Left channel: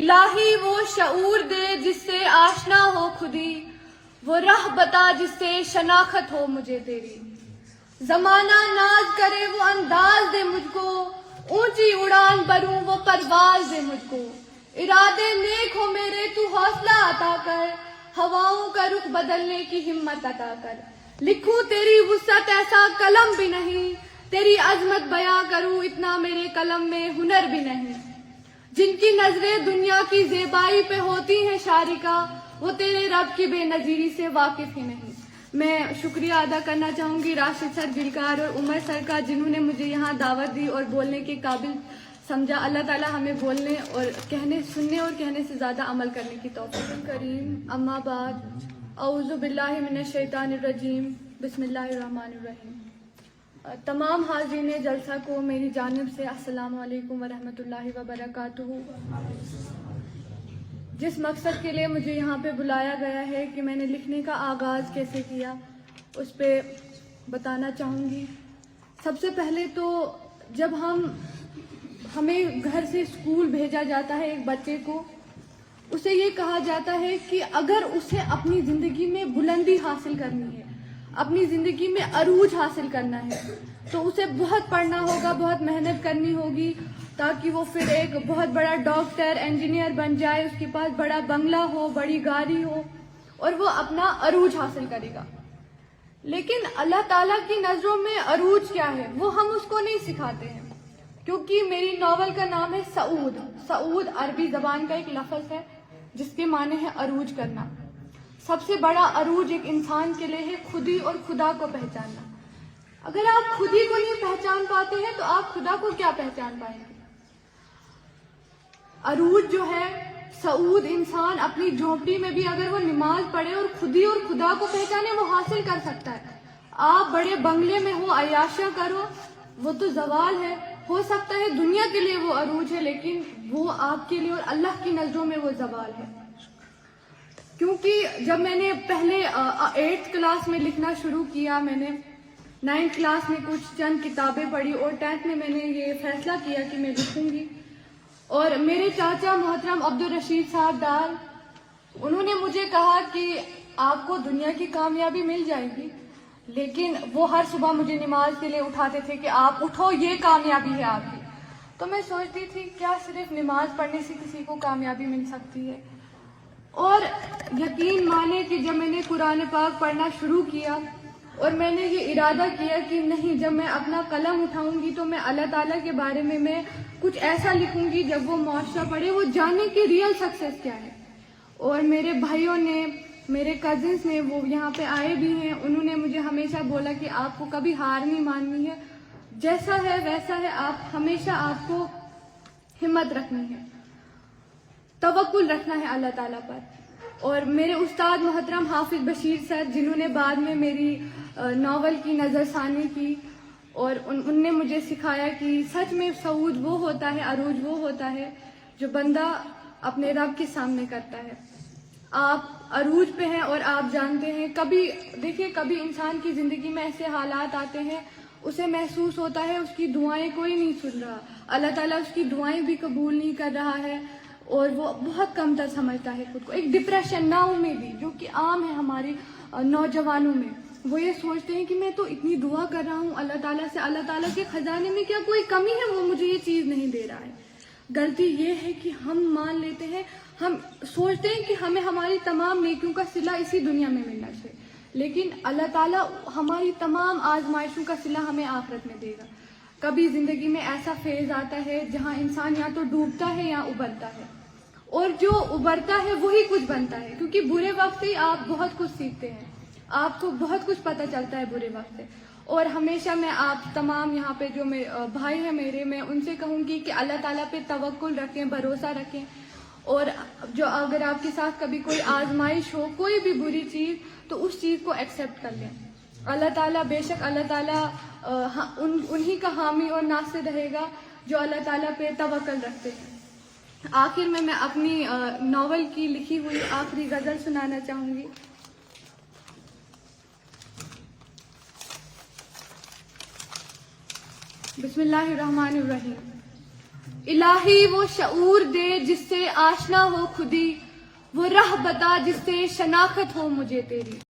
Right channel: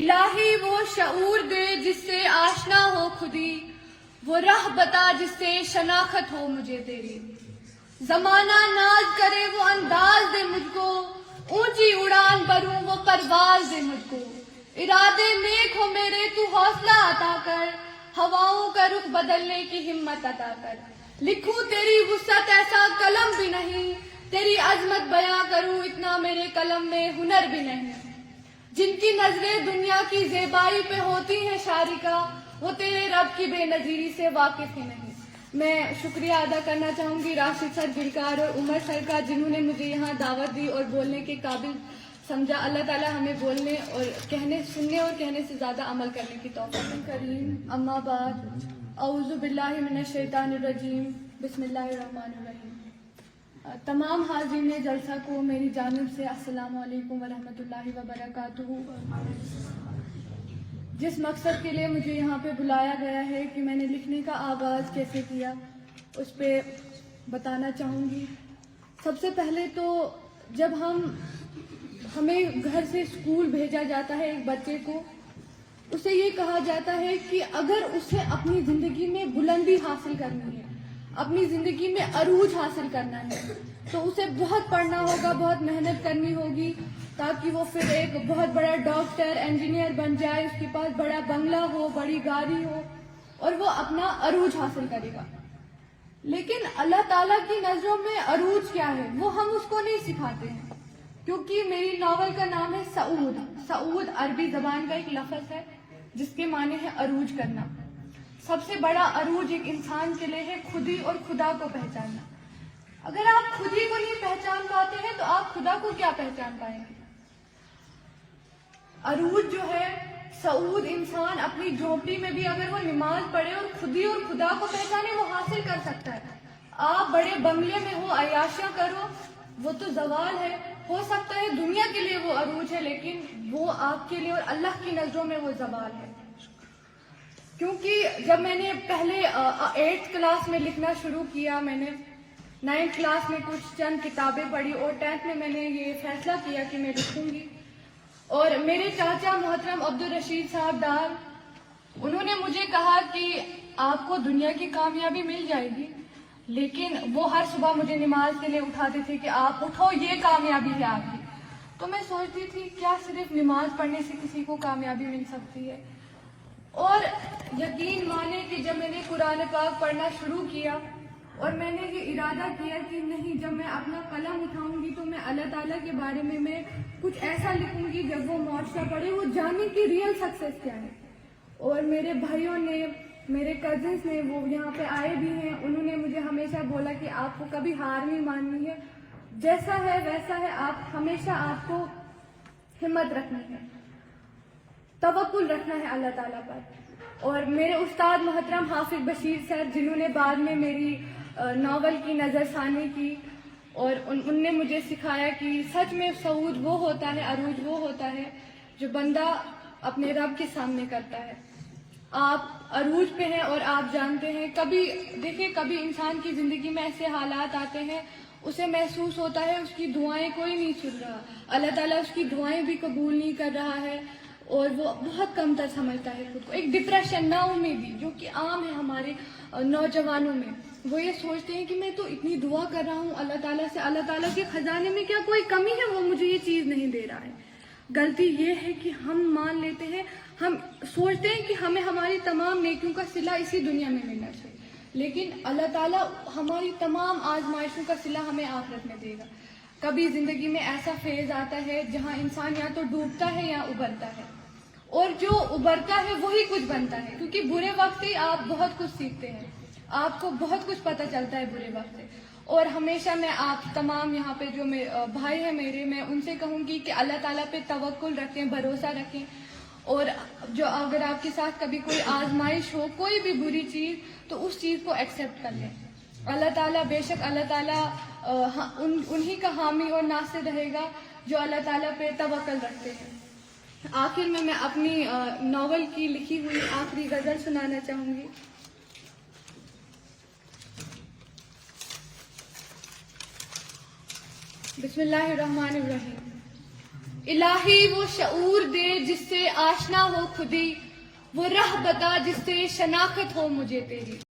الہی وہ شعور دے جس سے آشنا ہو خودی، وہ راہ بتا جس سے شناخت ہو مجھے تیری۔ زمانہ ناز کرے وہ انداز دے مجھ کو، اونچی اڑان بھروں وہ پرواز دے مجھ کو۔ ارادے نیک ہو میرے تو حوصلہ عطا کر، ہواؤں کا رخ بدلنے کی ہمت عطا کر۔ لکھوں تیری وسعت ایسا قلم بھی نہیں، تیری عظمت بیاں کروں اتنا میرے قلم میں ہنر بھی نہیں۔ جن کی نظریں دنیا کی زیبائی پہ ہوتی ہیں شارکا، وہ تیرے رب کی بے نظیری سے واقف ہی نہیں۔ میں شکریہ ادا کرنا چاہوں گی راشد سر گلکار اور عمر سر کا، جنہوں نے مجھے یہاں دعوت دی اور بولنے کے قابل سمجھا۔ اللہ تعالیٰ ہمیں بولنے اور سننے اور کہنے سے زیادہ عمل کرنے کی توفیق کریم۔ اما بعد، اعوذ باللہ من الشیطان الرجیم، بسم اللہ الرحمن الرحیم۔ تمام حاضرین جلسہ کو میری جانب سے السلام علیکم ورحمۃ اللہ وبرکاتہ۔ جس مقصد کے لیے مجھے یہاں پہ بلایا گیا ہے کہ میں نے لکھنے کا آغاز کیسے کیا، اس پہ بتانا چاہوں گی۔ سب سے پہلے تو جب ہمیں گھر سے اسکول بھیجا جاتا ہے ایک بچے کو، اسے یہ کہا جاتا ہے کہ اگر اسے اپنی زندگی میں بلندی حاصل کرنی ہے، اپنی زندگی میں عروج حاصل کرنا ہے، تو اسے بہت پڑھنا ہوگا، بہت محنت کرنی ہوگی، تاکہ وہ پھر ایک بہت بڑا ڈاکٹر، انجینئر بن جائے، اس کے پاس بڑا بنگلہ ہو، بڑی گاڑی ہو، اور وہ اپنا عروج حاصل کرے گا۔ لیکن اللہ تعالیٰ کی نظروں میں عروج کیا ہے وہ ہم اس کو نہیں سکھاتے ہیں، کیونکہ میری ناول کا نام ہے سعود۔ سعود عربی زبان کا ایک لفظ ہے جس کے معنی ہے عروج کرنا۔ سب سے بڑا عروج ایک انسان کے لیے ہے خودی اور خدا کو پہچاننا۔ اگر آپ خودی کو نہیں پہچان پاتے ہیں تو آپ خدا کو کیا پہچان پائیں گے؟ عروج جو ہے، سعود انسان اپنی جھونپڑی میں بھی اگر وہ نماز پڑھے اور خودی اور خدا کو پہچانے، وہ حاصل کر سکتا ہے۔ آپ بڑے بنگلے میں ہو، عیاشیاں کرو، وہ تو زوال ہے۔ ہو سکتا ہے دنیا کے لیے وہ عروج ہے، لیکن وہ آپ کے لیے اور اللہ کی نظروں میں وہ زوال ہے۔ کیونکہ جب میں نے پہلے 8th کلاس میں لکھنا شروع کیا، میں نے 9th کلاس میں کچھ چند کتابیں پڑھی اور 10th میں نے یہ فیصلہ کیا کہ میں لکھوں گی۔ اور میرے چاچا محترم عبدالرشید صاحب ڈار، انہوں نے مجھے کہا کہ آپ کو دنیا کی کامیابی مل جائے گی، لیکن وہ ہر صبح مجھے نماز کے لیے اٹھاتے تھے کہ آپ اٹھو، یہ کامیابی ہے آپ کی۔ تو میں سوچتی تھی کیا صرف نماز پڑھنے سے کسی کو کامیابی مل سکتی ہے؟ اور یقین مانے کہ جب میں نے قرآن پاک پڑھنا شروع کیا اور میں نے یہ ارادہ کیا کہ نہیں، جب میں اپنا قلم اٹھاؤں گی تو میں اللہ تعالیٰ کے بارے میں کچھ ایسا لکھوں گی جب وہ معاشرہ پڑھے وہ جانے کہ ریئل سکسیس کیا ہے۔ اور میرے بھائیوں نے، میرے کزنس نے، وہ یہاں پہ آئے بھی ہیں، انہوں نے مجھے ہمیشہ بولا کہ آپ کو کبھی ہار نہیں ماننی ہے، جیسا ہے ویسا ہے، ہمیشہ آپ کو ہمت رکھنی ہے، توکل رکھنا ہے اللہ تعالیٰ پر۔ اور میرے استاد محترم حافظ بشیر سر، جنہوں نے بعد میں میری ناول کی نظر ثانی کی، اور ان نے مجھے سکھایا کہ سچ میں سعود وہ ہوتا ہے، عروج وہ ہوتا ہے جو بندہ اپنے رب کے سامنے کرتا ہے۔ آپ عروج پہ ہیں اور آپ جانتے ہیں، کبھی انسان کی زندگی میں ایسے حالات آتے ہیں، اسے محسوس ہوتا ہے اس کی دعائیں کوئی نہیں سن رہا، اللہ تعالیٰ اس کی دعائیں بھی قبول نہیں کر رہا ہے، اور وہ بہت کمتر سمجھتا ہے خود کو۔ ایک ڈپریشن، نا امیدی جو کہ عام ہے ہمارے نوجوانوں میں، وہ یہ سوچتے ہیں کہ میں تو اتنی دعا کر رہا ہوں اللہ تعالیٰ سے، اللہ تعالیٰ کے خزانے میں کیا کوئی کمی ہے، وہ مجھے یہ چیز نہیں دے رہا ہے۔ غلطی یہ ہے کہ ہم مان لیتے ہیں، ہم سوچتے ہیں کہ ہمیں ہماری تمام نیکیوں کا صلہ اسی دنیا میں ملنا چاہیے، لیکن اللہ تعالیٰ ہماری تمام آزمائشوں کا صلہ ہمیں آخرت میں دے گا۔ کبھی زندگی میں ایسا فیز آتا ہے جہاں انسان یا تو ڈوبتا ہے یا ابھرتا ہے، اور جو ابھرتا ہے وہی کچھ بنتا ہے، کیونکہ برے وقت ہی آپ بہت کچھ سیکھتے ہیں، آپ کو بہت کچھ پتہ چلتا ہے برے وقت سے۔ اور ہمیشہ میں آپ تمام یہاں پہ جو بھائی ہیں میرے، میں ان سے کہوں گی کہ اللہ تعالیٰ پہ توکل رکھیں، بھروسہ رکھیں، اور جو اگر آپ کے ساتھ کبھی کوئی آزمائش ہو، کوئی بھی بری چیز، تو اس چیز کو ایکسیپٹ کر لیں۔ اللہ تعالیٰ، بے شک اللہ تعالیٰ انہی کا حامی اور ناصر رہے گا جو اللہ تعالیٰ پہ توکل رکھتے ہیں۔ آخر میں اپنی ناول کی لکھی ہوئی آخری غزل سنانا چاہوں گی۔ بسم اللہ الرحمن الرحیم۔ الہی وہ شعور دے جس سے آشنا ہو خودی، وہ راہ بتا جس سے شناخت ہو مجھے تیری.